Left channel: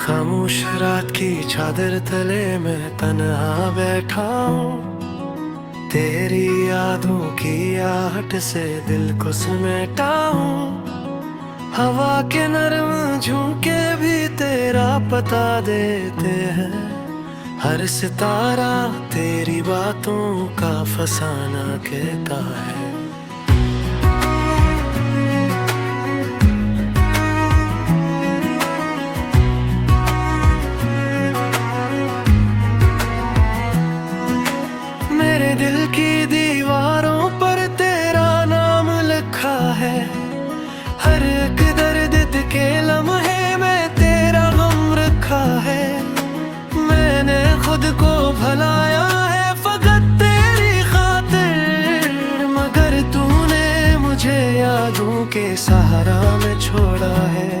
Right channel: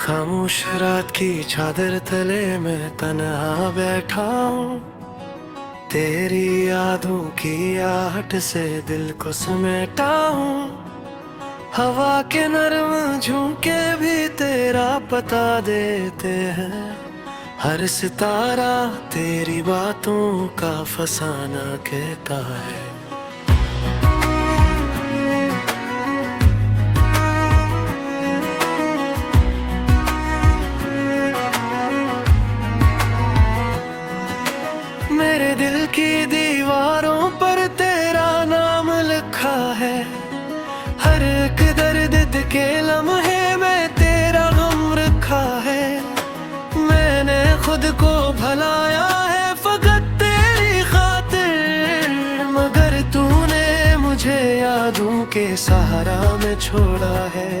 खामोश रात की चादर तले मैं तन्हा बैठा हूँ। तेरी यादों की आहट से दिल को समेटा हूँ। हवा के नरम झोंके भी तेरा पता देते हैं। हर सितारा तेरी बातों का फसाना कहता है। मेरे दिल की दीवारों पर तेरा नाम लिखा है। हर एक दर्द के लम्हे में तेरा गम रखा है। मैंने खुद को भलाया है फकत तेरी खातिर, मगर तूने मुझे यादों के सहारा में छोड़ा है।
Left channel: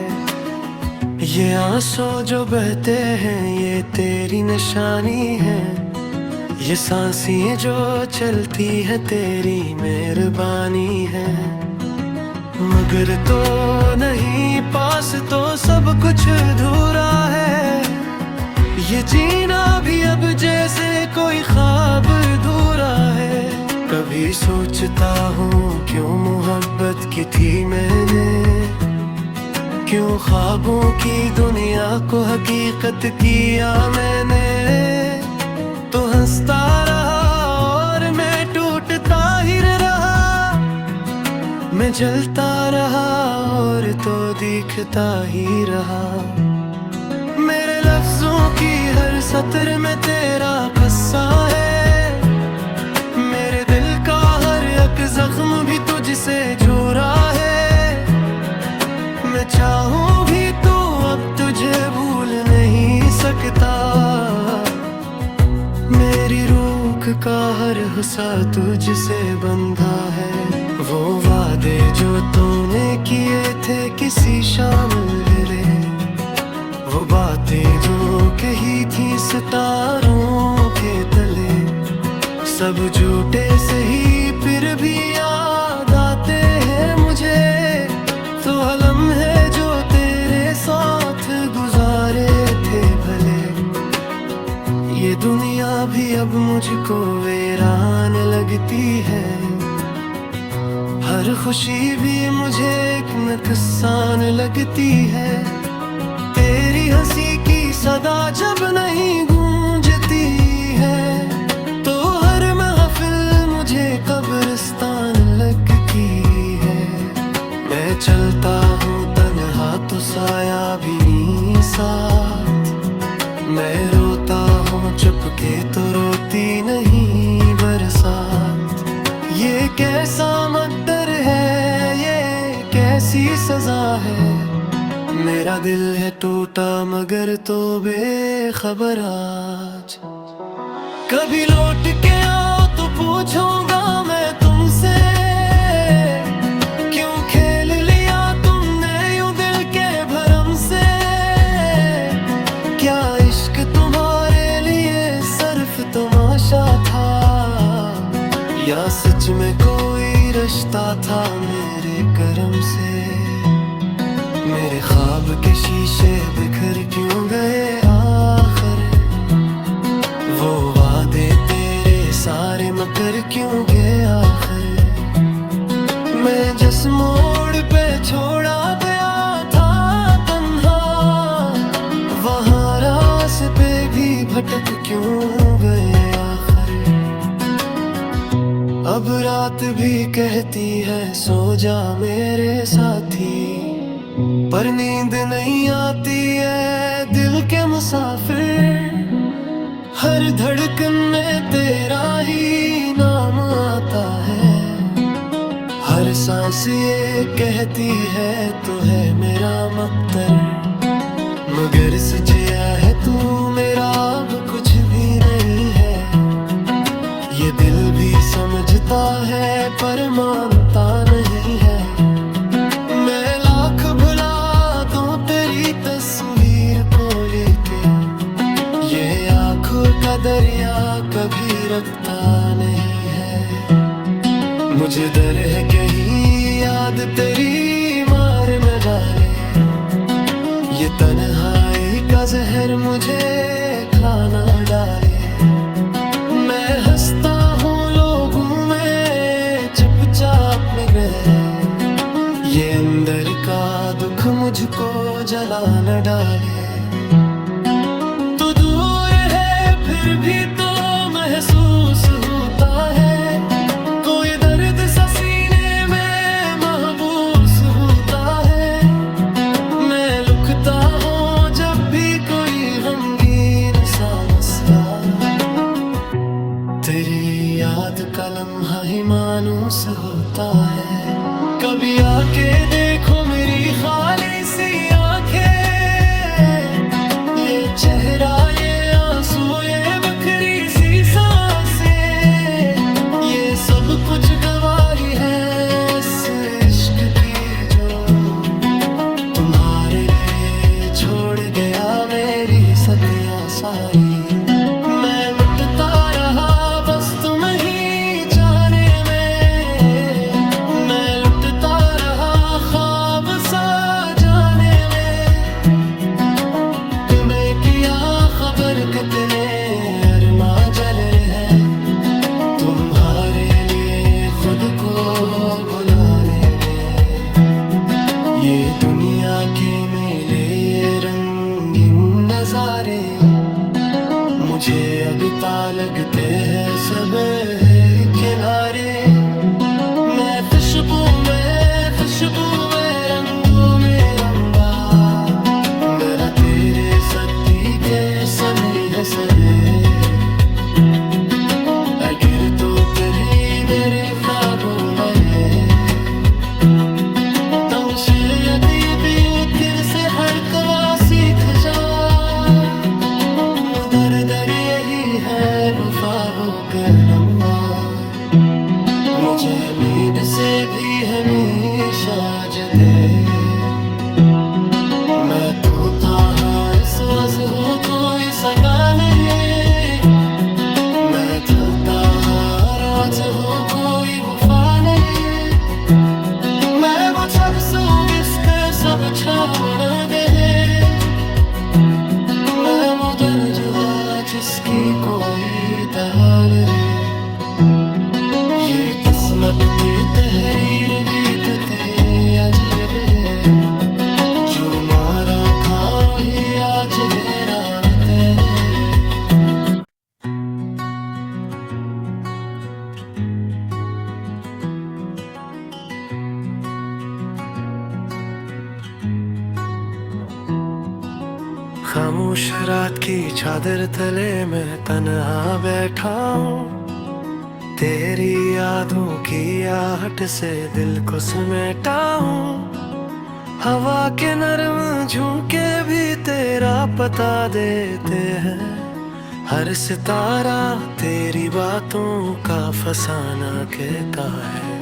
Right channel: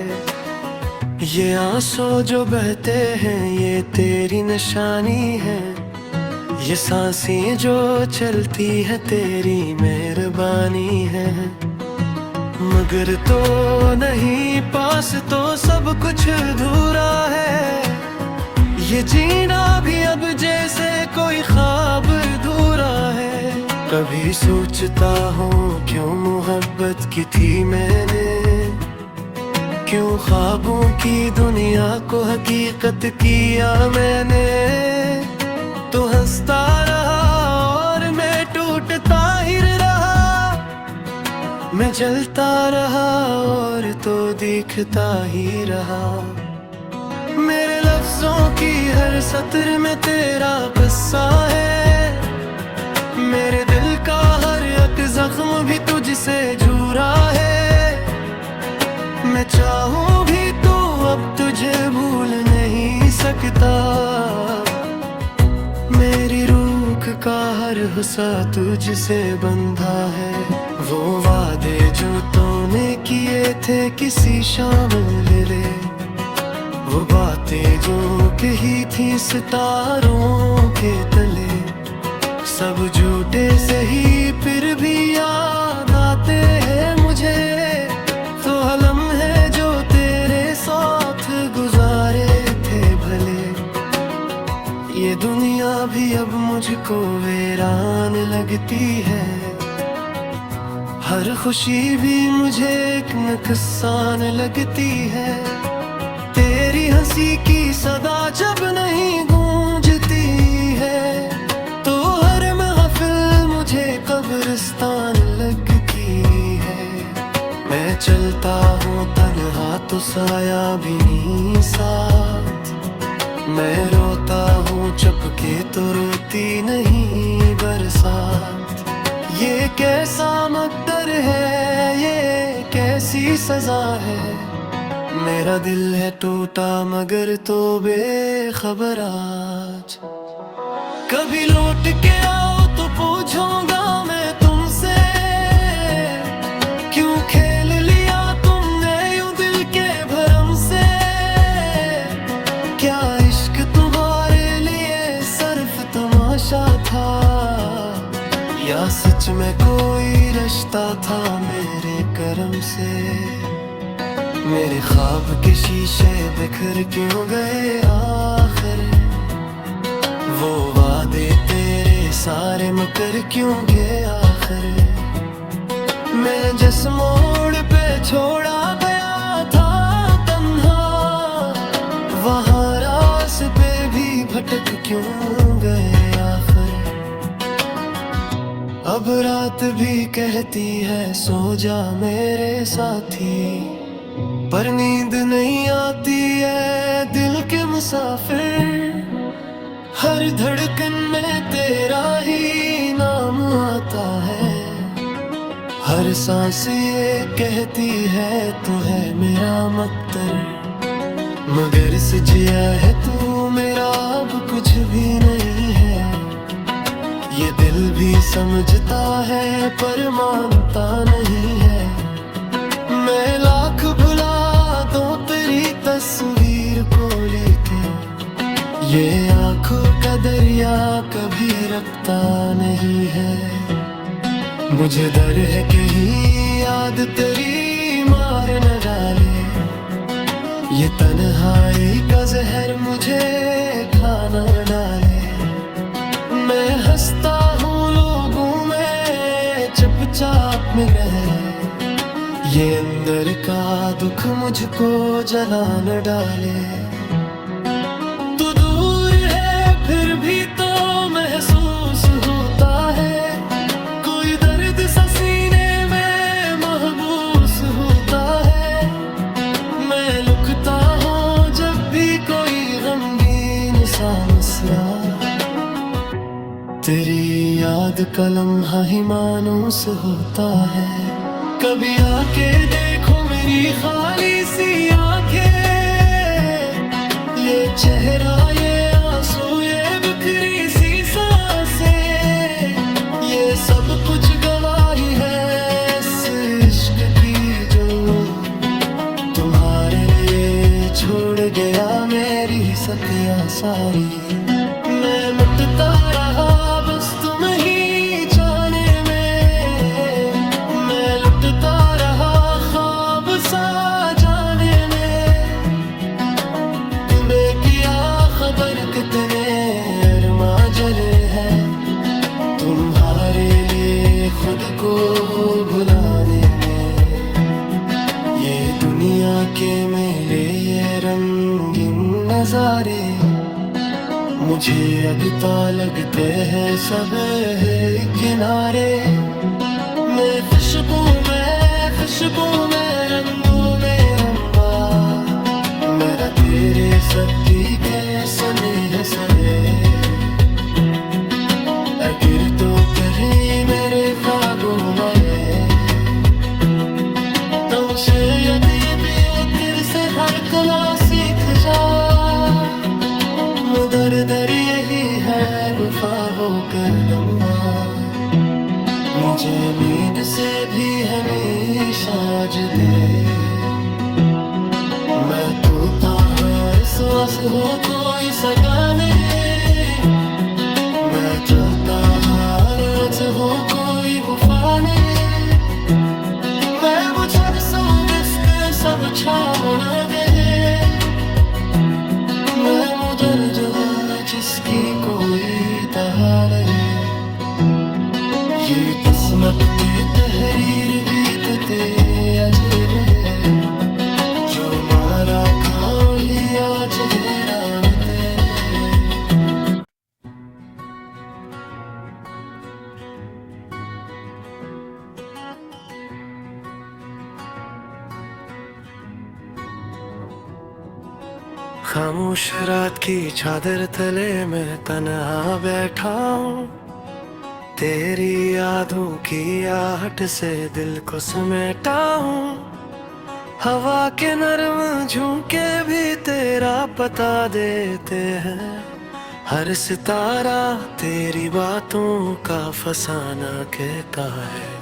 ये आंसू जो बहते हैं ये तेरी निशानी है। ये सांसें जो चलती है तेरी मेहरबानी है। मगर तो नहीं पास तो सब कुछ अधूरा है। ये जीना भी अब जैसे कोई ख्वाब अधूरा है। कभी सोचता हूँ क्यों मोहब्बत की थी मैंने, क्यों ख्वाबों की दुनिया को हकीकत किया मैंने। तो हंसता रहा और मैं टूटता ही रहा। मैं जलता रहा और तो दिखता ही रहा। मेरे लफ्जों की हर सत्र में तेरा किस्सा है। मेरे दिल का हर एक जख्म भी तुझसे जुड़ा है। मैं चाहूं भी तो अब तुझे भूल नहीं सकता। मेरी रूह का हर हिस्सा तुझसे बंधा है। वो वादे जो तूने किए थे किसी शाम मिले, वो बातें जो कही थी सितारों के तले, सब झूठे सही फिर भी याद आते हैं मुझे। तो लम्हे जो तेरे साथ गुजारे थे भले, ये दुनिया भी अब मुझको वीरान लगती है। हर खुशी भी मुझे एक नुकसान लगती है। तेरी हंसी की सदा जब नहीं गूंजती है, तो हर महफिल मुझे कब्रिस्तान लगती है। मैं चलता हूँ तन्हा तो साया भी नहीं साथ। मैं रोता हूँ चुपके तो रोती नहीं बरसात। ये कैसा मकदर है, ये कैसी सजा है। मेरा दिल है टूटा मगर तो बेखबर आज। कभी लौट के आओ तो पूछूंगा मैं तुमसे, क्यों खेल लिया तुमने यूं दिल के भरम से। क्या इश्क तुम्हारे लिए सिर्फ तमाशा था, या सच में कोई रिश्ता था मेरे करम से। मेरे ख्वाब के शीशे बिखर क्यों गए आखिर, वो वादे तेरे सारे मकर क्यों गए आखिर। मैं जिस मोड़ पे छोड़ा गया था तन्हा, वहाँ पे भी भटक क्यों गए आखिर। अब रात भी कहती है सो जा मेरे साथी, पर नींद नहीं आती है दिल के मुसाफिर। हर धड़कन में तेरा ही नाम आता है। हर सांस ये कहती है तो है मेरा मकदर, मगर सजिया है तू मेरा अब कुछ भी नहीं है। ये दिल भी समझता है पर मानता नहीं है। मैं लाख भुला दूं तेरी तस्वीर को लेके, ये आंखों का दरिया कभी रखता नहीं है। मुझे डर है कहीं याद तेरी मार न डाले, ये तन्हाई का जहर मुझे खाना डाले। मैं हंसता हूँ लोगों में चुपचाप में रहे। ये अंदर का दुख मुझको जला न डाले। तू दूर है फिर भी तो महसूस होता है। कोई दर्द सा सीने में महबूस होता है। मैं लुकता हूँ जब भी कोई गमगीन सा मसला। तेरी याद का लम्हा ही मानूस होता है। कभी आके देखो मेरी खाली सी आंखें। ये चेहरा, ये आंसू, ये बिखरी सी सांसें, ये सब कुछ गवाही है इस इश्क की जो तुम्हारे लिए छोड़ गया मेरी सतिया सारी। मैं मिटता रहा बस तुम ही चाहने में। मैं लुटता रहा ख्वाब सा जाने में। तुम्हें किया खबर कितने अरमा जले हैं तुम्हारे लिए खुद को भुलाने में। ये दुनिया के मेले, ये रंगीन नजारे मुझे अगता लगते हैं सब किनारे। मैं खुशबू में रंगू में रंबा। मेरा तेरे सर्दी के समय है सहे। अगर तो कभी मेरे ख्वाबों में तो शायद ये भी फिर से हड़कना सीख जा। मुदर दर यही है वफाबो कर लम्हा। मुझे नींद से भी हमेशा जुदे। मैं तो था हर सांस हो कोई सगा नहीं। मैं चलता हर राज हो कोई वफा नहीं। मैं वो चरसो बिस्ते सब छाम न गए। मैं मुदर जो है जिसकी कोई तहा नहीं। ये किस्मत की तहरीर बीतते अजेब है। जो मारा खाओ ही आज है राम तेरे। खामोश रात की चादर तले मैं तन्हा बैठा हूँ। तेरी यादों की आहट से दिल को समेटा हूँ। हवा के नरम झोंके भी तेरा पता देते हैं। हर सितारा तेरी बातों का फसाना कहता है।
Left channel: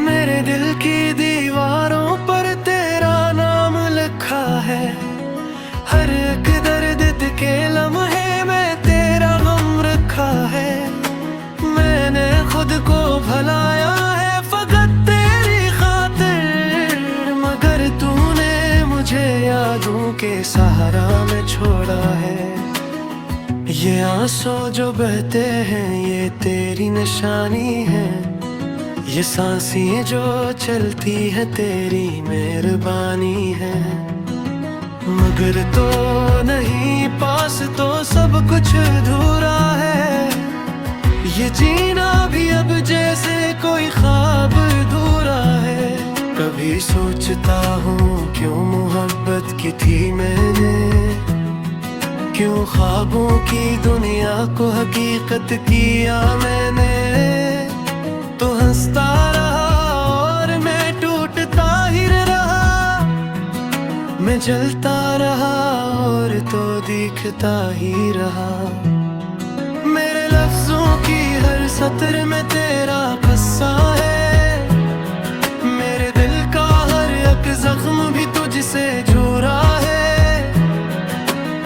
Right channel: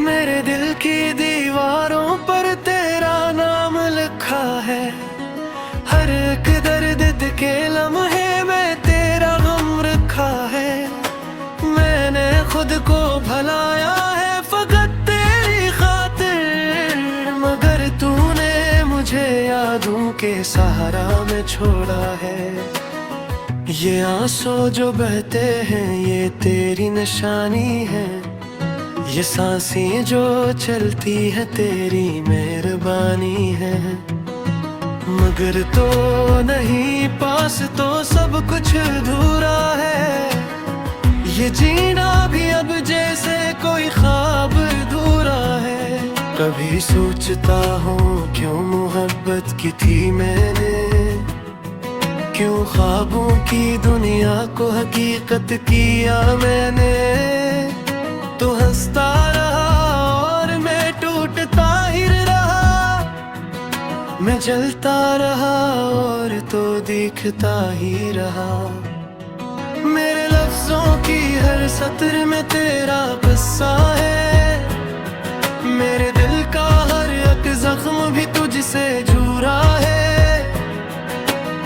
मेरे दिल की दीवारों पर तेरा नाम लिखा है। हर एक दर्द के लम्हे में तेरा गम रखा है। मैंने खुद को भुलाया है फकत तेरी खातिर। मगर तूने मुझे यादों के सहारा में छोड़ा है। ये आंसू जो बहते हैं ये तेरी निशानी है। ये सांसें जो चलती है तेरी मेहरबानी है। मगर तो नहीं पास तो सब कुछ अधूरा है। ये जीना भी अब जैसे कोई ख्वाब अधूरा है। कभी सोचता हूँ क्यों मोहब्बत की थी मैंने। क्यों ख्वाबों की दुनिया को हकीकत किया मैंने। तो हंसता रहा और मैं टूटता ही रहा। मैं जलता रहा और तो दिखता ही रहा। मेरे लफ्जों की हर सत्र में तेरा किस्सा है। मेरे दिल का हर एक जख्म भी तुझसे जुड़ा है।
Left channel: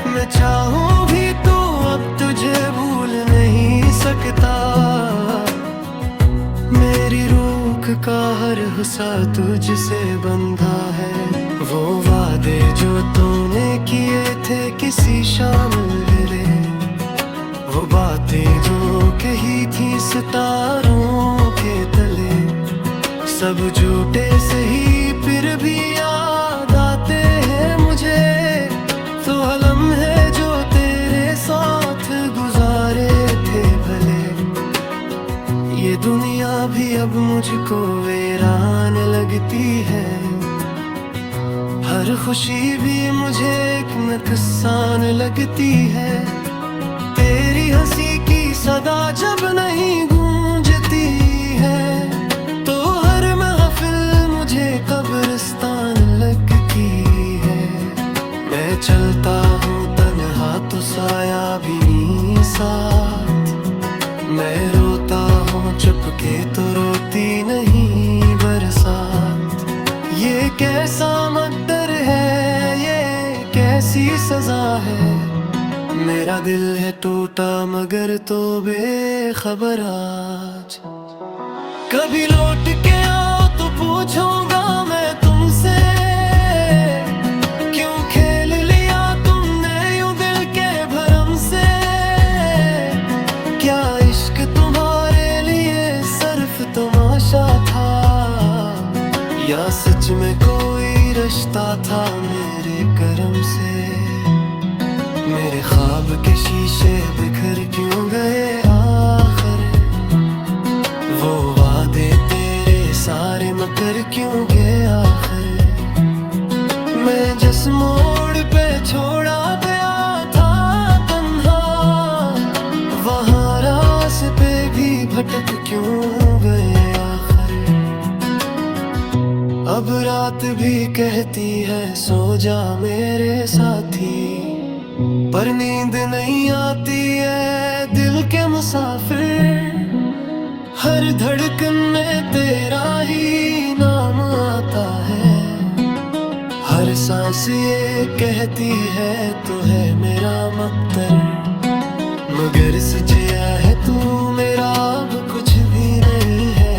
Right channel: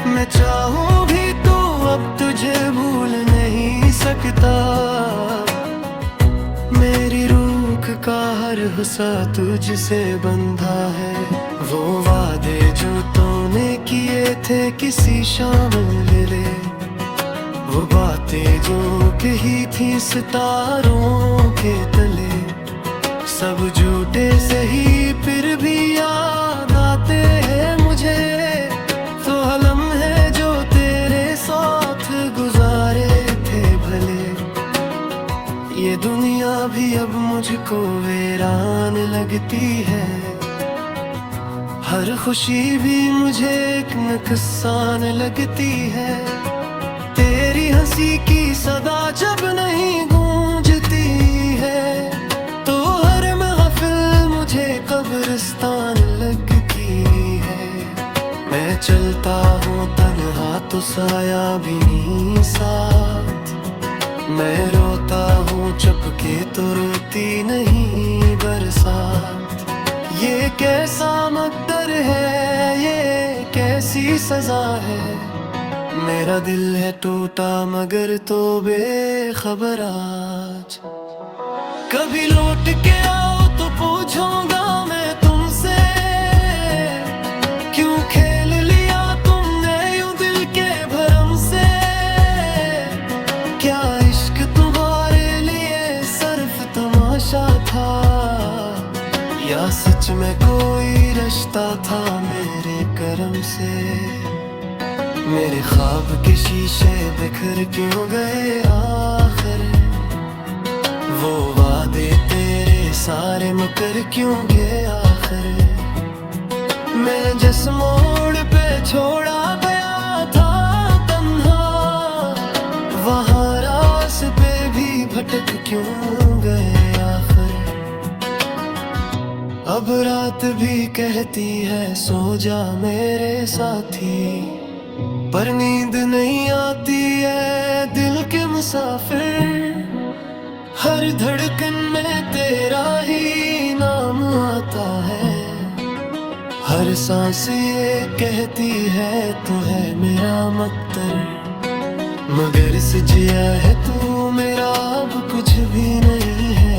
मैं चाहूं भी तू अब तुझे भूल नहीं सकता। मेरी रूह का हर हिस्सा तुझसे बंधा है। वो वादे जो तूने किए थे किसी शाम मेरे, वो बातें जो कही थी सितारों के तले, सब झूठे सही फिर भी याद आते हैं मुझे। तो लम्हे जो तेरे साथ गुजारे थे भले, ये दुनिया भी अब मुझको वीरान लगती है। हर खुशी भी मुझे एक नुकसान लगती है। तेरी हंसी की सदा जब नहीं गूंजती है, तो हर महफिल मुझे कब्रिस्तान लगती है। मैं चलता हूँ तन्हा तो साया भी नहीं साथ, मैं रोता हूँ चुपके तो रोती नहीं बरसात। ये कैसा मकदर है, ये कैसी सजा है। मेरा दिल है टूटा मगर तो बेखबर आज। कभी लौट के आओ तो पूछूंगा मैं तुमसे, क्यों खेल लिया तुमने यूं दिल के भरम से। क्या इश्क तुम्हारे लिए सिर्फ तमाशा था, या सच में कोई रिश्ता था मेरे करम से। मेरे ख्वाब के शीशे बिखर क्यों गए आखिर, वो वादे तेरे सारे मकर क्यों गए आखिर। मैं जिस मोड़ पे छोड़ा गया था तन्हा, वहाँ रास्ते भी भटक क्यों गए आखिर। अब रात भी कहती है सो जा मेरे साथी, पर नींद नहीं आती है दिल के मुसाफिर। हर धड़कन में तेरा ही नाम आता है, हर सांस ये कहती है तो है मेरा मकदर। मगर सजिया है तू मेरा अब कुछ भी नहीं है।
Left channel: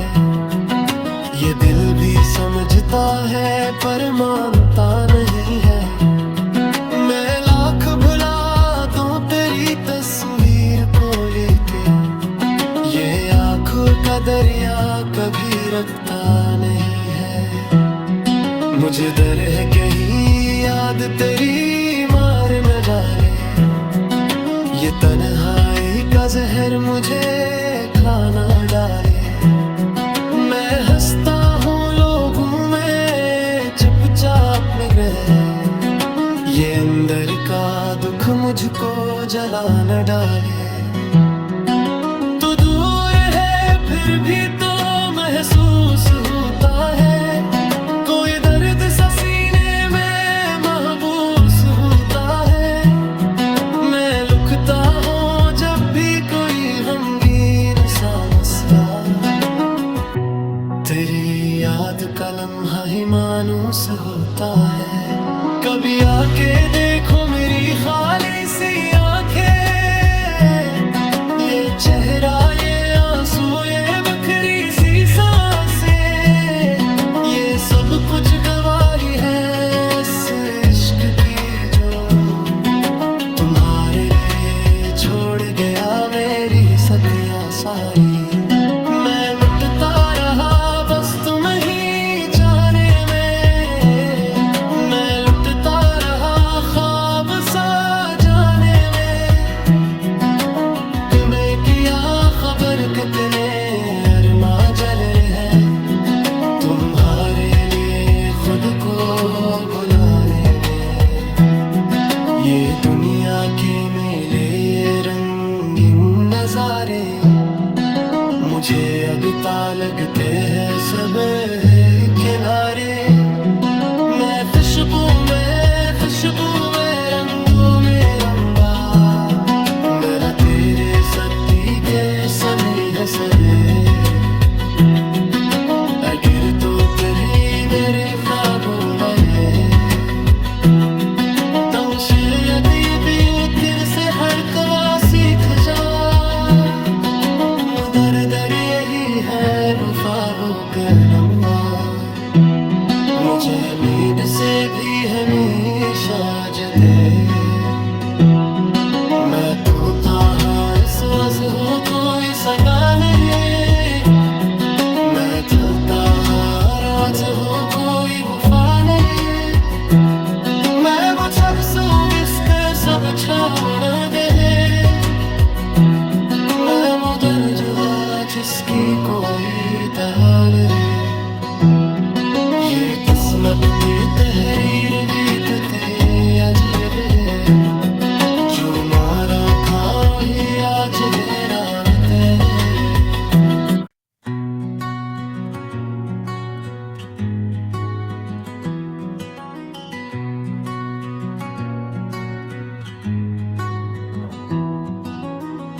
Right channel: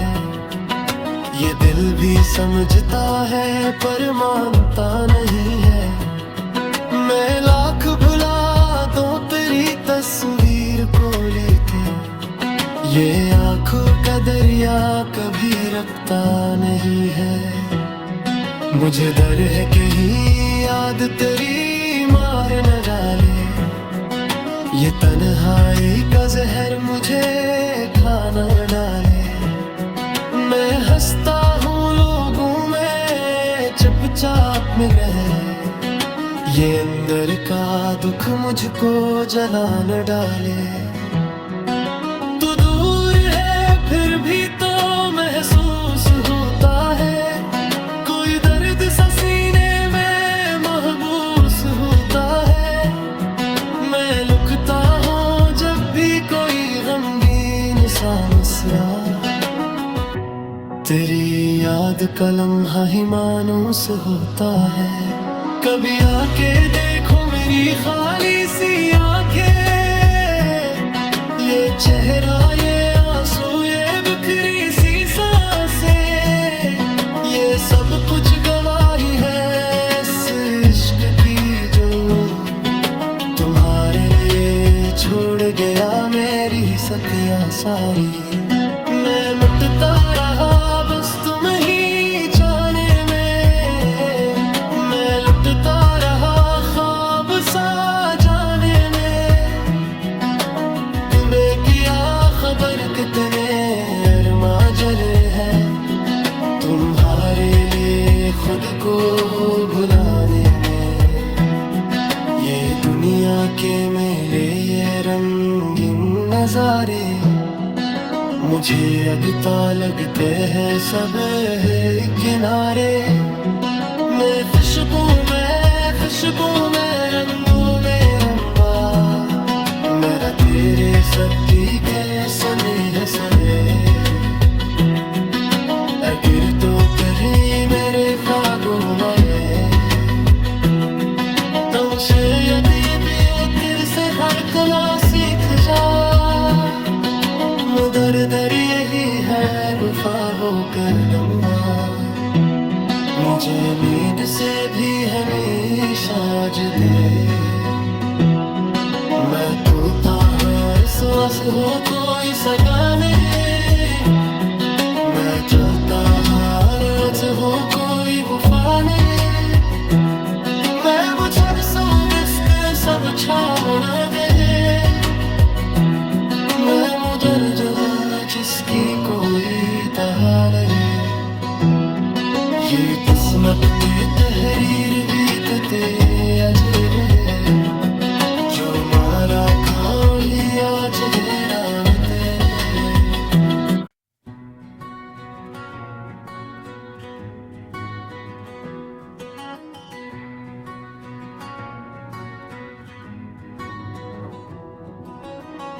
ये दिल भी समझता है पर मानता नहीं है। मैं लाख भुला दूं तेरी तस्वीर को लेके, ये आंखों का दरिया कभी रखता नहीं है। मुझे डर है कहीं याद तेरी मार न डाले, ये तन्हाई का जहर मुझे खाना डाले। मैं हंसता हूँ लोगों में चुपचाप में गए, ये अंदर का दुख मुझको जला न डाले। तू दूर है फिर भी तो महसूस होता है, कोई दर्द सा सीने में महबूस होता है। मैं लुकता हूँ जब भी कोई गमगीन सा मसला, तेरी याद का लम्हा ही मानूस होता है। कभी आके देखो मेरी खाली सी आंखें, ये चेहरा ये आंसू ये बिखरी सी सांसें, ये सब कुछ गवाही है इस इश्क की जो तुम्हारे लिए छोड़ गया मेरी सतिया सारी। मैं मिटता रहा बस तुम ही चाहने में, मैं लुटता रहा ख्वाब सा जाने में। तुम्हें किया खबर कितने अरमा जल है, तुम्हारे लिए खुद को भुलाने में। ये दुनिया के मेले ये रंगीन नजारे, मुझे अगता लगते हैं सब किनारे। मैं खुशबू में रंगू में रंबा, मेरा तेरे सर्दी के समी है सहे। अगर तो कभी मेरे ख्वाबों में शायद ये भी फिर से हर कला सीख जा। मुदर दर यही है वफा वो करना, मुझे नींद से भी हमेशा दे। मैं तू था हर सांस हो कोई सगा नहीं, मैं चलता हर राज हो कोई वफा नहीं। मैं वो चरसो बिस्ते सब छावना दे, मैं मुदर जो है जिसकी कोई तहा नहीं। ये किस्मत की तहरीर बीतते अजरे, जो मारा खाओ ही आज है राम तेरे।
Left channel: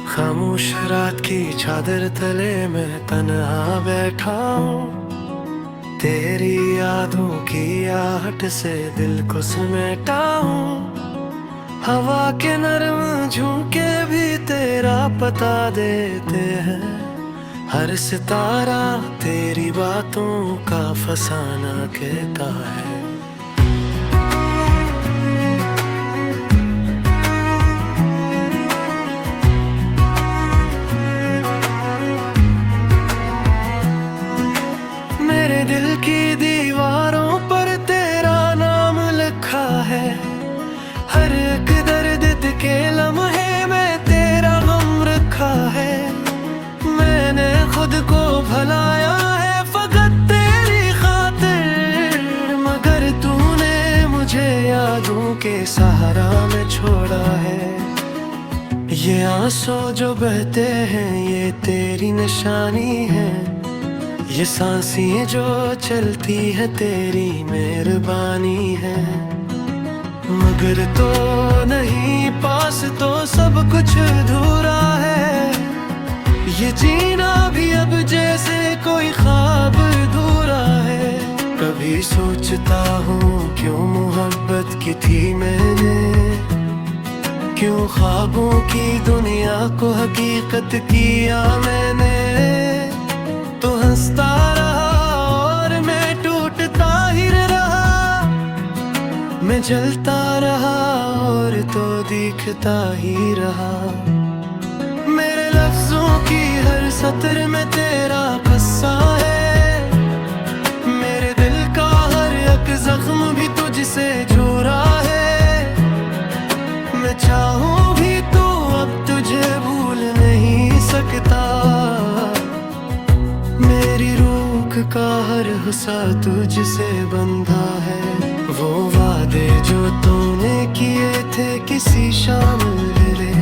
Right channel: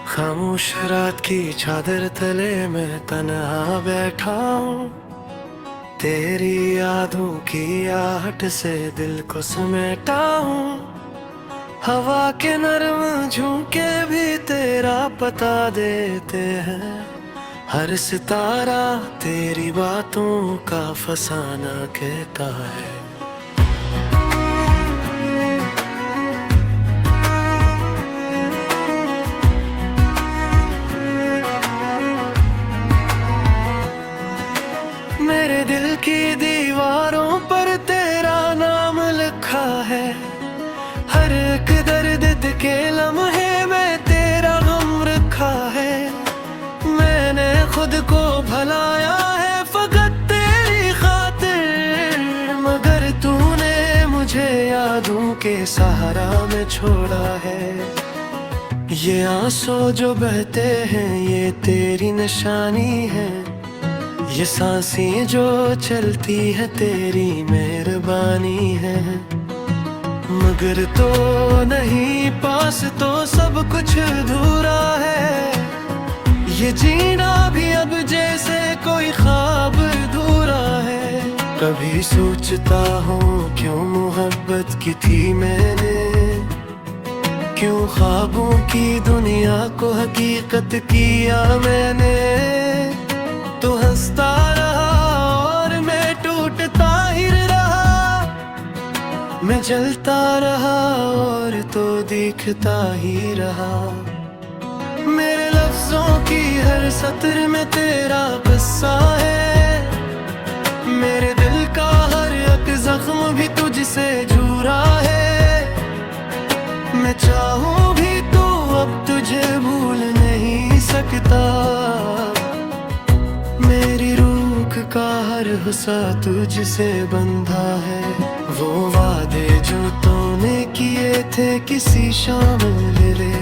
खामोश रात की चादर तले मैं तन्हा बैठा हूँ, तेरी यादों की आहट से दिल को समेटा हूँ। हवा के नरम झोंके भी तेरा पता देते हैं, हर सितारा तेरी बातों का फसाना कहता है। मेरे दिल की दीवारों पर तेरा नाम लिखा है, हर एक दर्द के लम्हे में तेरा गम रखा है। मैंने खुद को भलाया है फकत तेरी खातिर, मगर तूने मुझे यादों के सहारा में छोड़ा है। ये आंसू जो बहते हैं ये तेरी निशानी है, ये सांसें जो चलती है तेरी मेहरबानी है। मगर तो नहीं पास तो सब कुछ अधूरा है, ये जीना भी अब जैसे कोई ख्वाब अधूरा है। कभी सोचता हूँ क्यों मोहब्बत की थी मैंने, क्यों ख्वाबों की दुनिया को हकीकत किया मैंने। तो हंसता रहा और मैं टूटता ही रहा, मैं जलता रहा और तो दिखता ही रहा। मेरे लफ्जों की हर सतर में तेरा किस्सा है, मेरे दिल का हर एक जख्म भी तुझसे जुड़ा है। मैं चाहूं भी तो अब तुझे भूल नहीं सकता, मेरी रूह का हर हिस्सा तुझसे बंधा है। वो वादे जो तूने किए थे किसी शाम मेरे,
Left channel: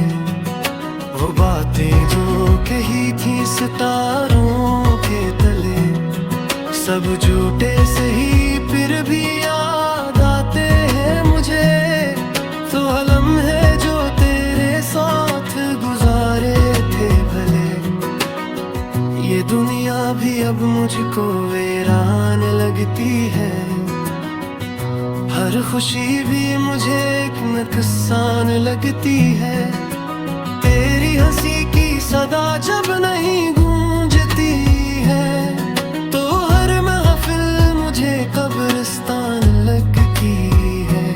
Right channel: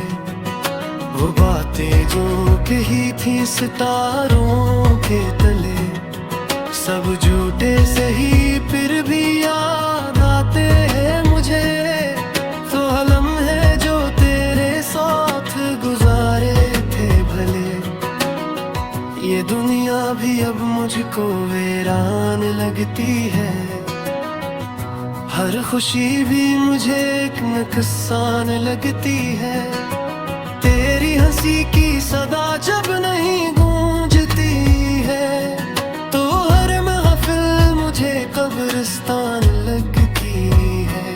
वो बातें जो कही थी सितारों के तले, सब झूठे सही फिर भी याद आते हैं मुझे। तो लम्हे जो तेरे साथ गुजारे थे भले, ये दुनिया भी अब मुझको वीरान लगती है। हर खुशी भी मुझे एक नुकसान लगती है, तेरी हंसी की सदा जब नहीं गूंजती है। तो हर महफिल मुझे कब्रिस्तान लगती है।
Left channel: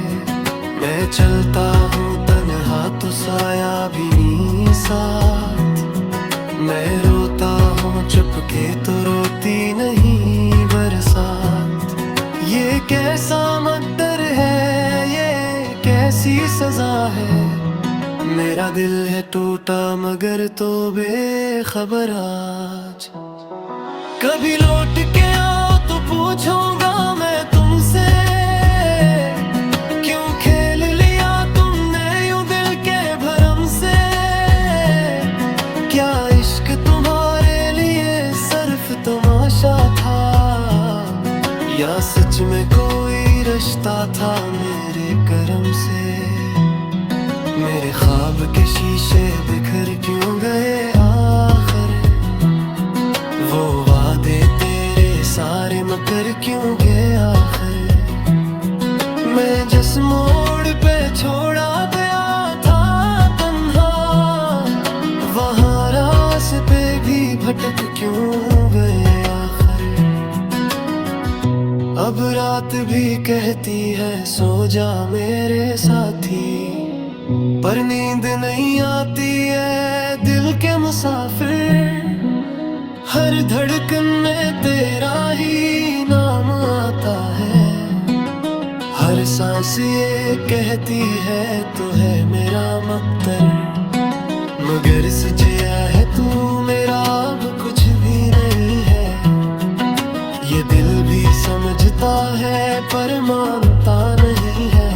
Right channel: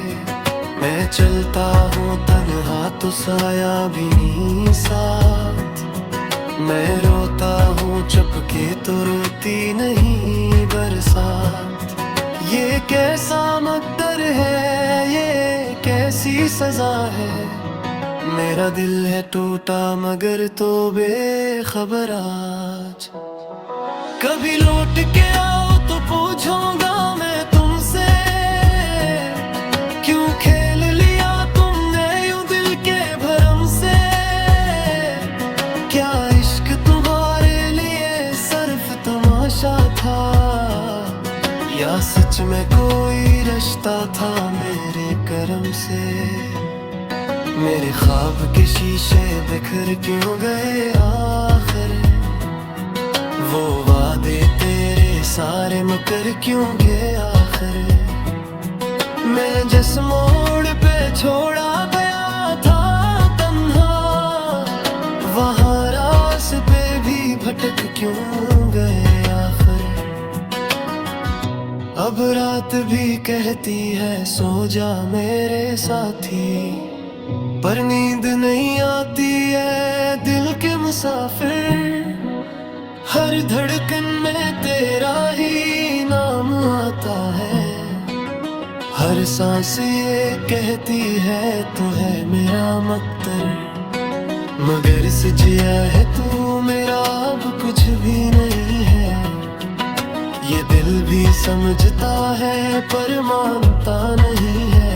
मैं चलता हूँ तन्हा तो साया भी नहीं साथ, मैं रोता हूँ चुपके तो रोती नहीं बरसात। ये कैसा मकदर है, ये कैसी सजा है, मेरा दिल है टूटा मगर तो बेखबर आज। कभी लौट के आओ तो पूछूंगा मैं तुमसे, क्यों खेल लिया तुमने यूं दिल के भरम से। क्या इश्क तुम्हारे लिए सिर्फ तमाशा था, या सच में कोई रिश्ता था मेरे करम से। मेरे ख्वाब के शीशे बिखर क्यों गए आखिर, वो वादे तेरे सारे मकर क्यों गए आखिर। मैं जिस मोड़ पे छोड़ा गया था तन्हा, वहाँ रास्ते भी भटक क्यों गए आखिर। अब रात भी कहती है सो जा मेरे साथी, पर नींद नहीं आती है दिल के मुसाफिर। हर धड़कन में तेरा ही नाम आता है, हर सांस ये कहती है तो है मेरा मकदर। मगर सजिया है तू मेरा अब कुछ भी नहीं है, ये दिल भी समझता है पर मानता नहीं है।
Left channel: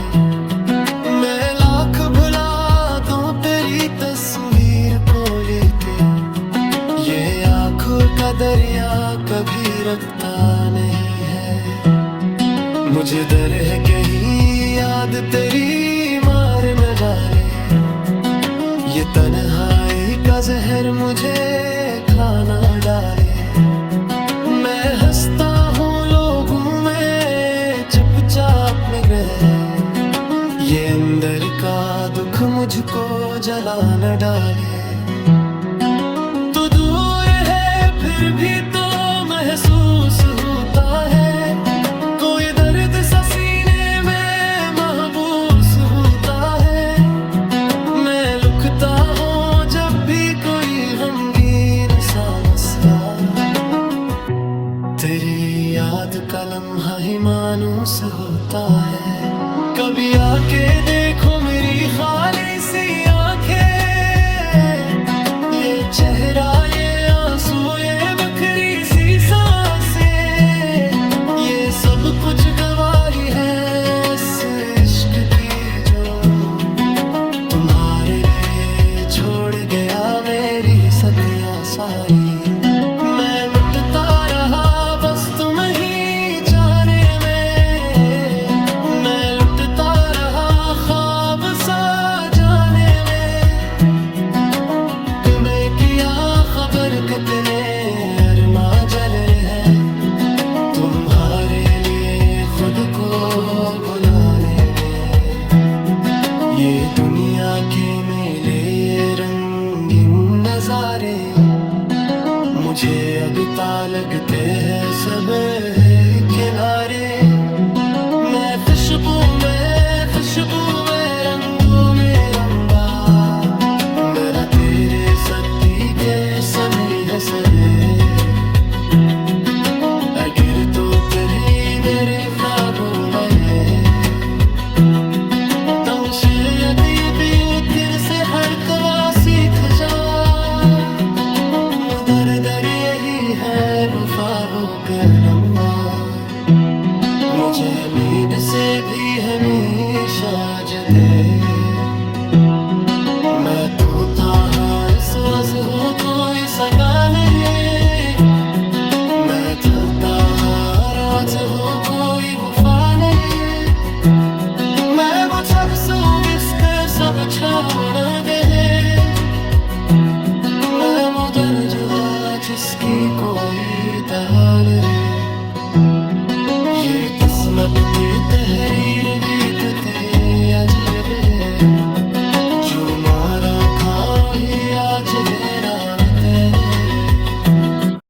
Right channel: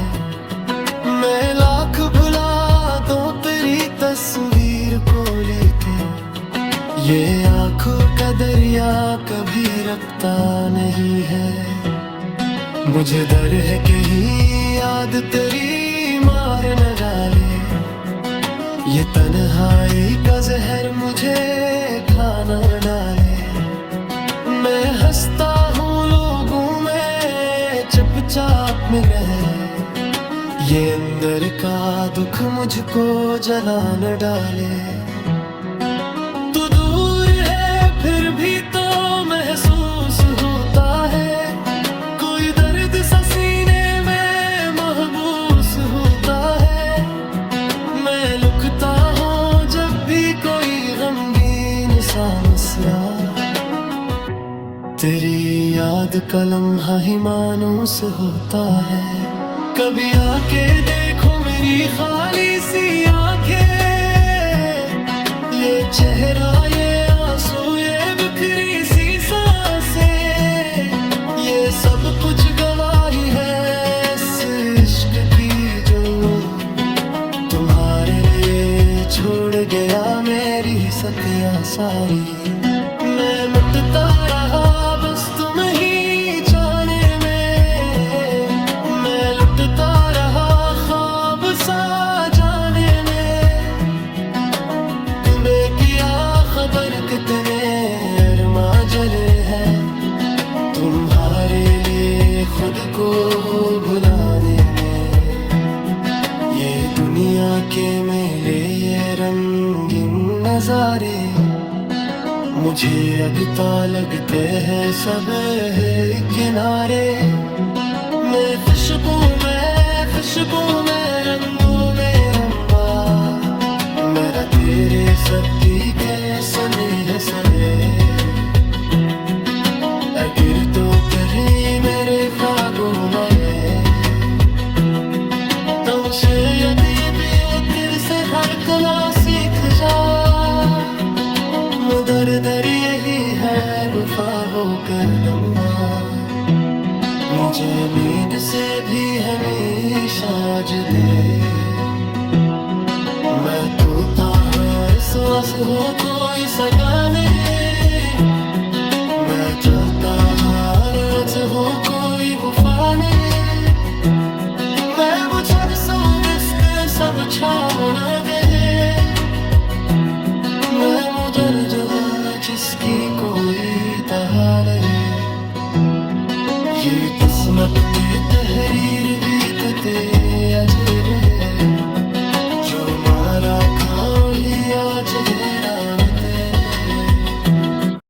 मैं लाख भुला दूं तेरी तस्वीर को लेके, ये आंखों का दरिया कभी रखता नहीं है। मुझे डर है कहीं याद तेरी मार न डाले, ये तन्हाई का जहर मुझे खाना डाले। मैं हंसता हूँ लोगों में चुपचाप में गए, ये अंदर का दुख मुझको जला न डाले। तू दूर है फिर भी तो महसूस होता है, कोई दर्द सा सीने में महबूस होता है। मैं लुकता हूँ जब भी कोई गमगीन सा मसला, तेरी याद का लम्हा ही मानूस होता है। कभी आके देखो मेरी खाली सी आंखें, ये चेहरा ये आंसू ये बिखरी सी सांसें, ये सब कुछ गवाही है इस इश्क की जो तुम्हारे लिए छोड़ गया मेरी सतिया सारी। मैं मिटता रहा बस तुम ही चाहने में, मैं लुटता रहा ख्वाब सा जाने में। तुम्हें किया खबर कितने अरमा जल रहे तुम्हारे लिए खुद को भुलाने में। ये दुनिया के मेले ये रंगीन नजारे, मुझे अगता लगते हैं सब है किनारे। मैं खुशबू में रंगू में रंबा, मेरा तेरे सर्दी के समय है सहे। अगर तो कभी मेरे काबू में तो उसे यदि भी फिर से हड़कना सीख जा। मुदर दर यही है वफा कर लम्हा, मुझे नींद से भी हमेशा जुदे। मैं तो था हर सांस हो कोई सगा नहीं, मैं चलता हर राज हो कोई वफा नहीं। मैं वो चरसो बिस्ते सब छामो न गए, मैं मुदर जो है जिसकी कोई तहार है। ये किस्मत की तहरीर बीतते अजर है, जो मारा खाओ ही आज है राम तेरे।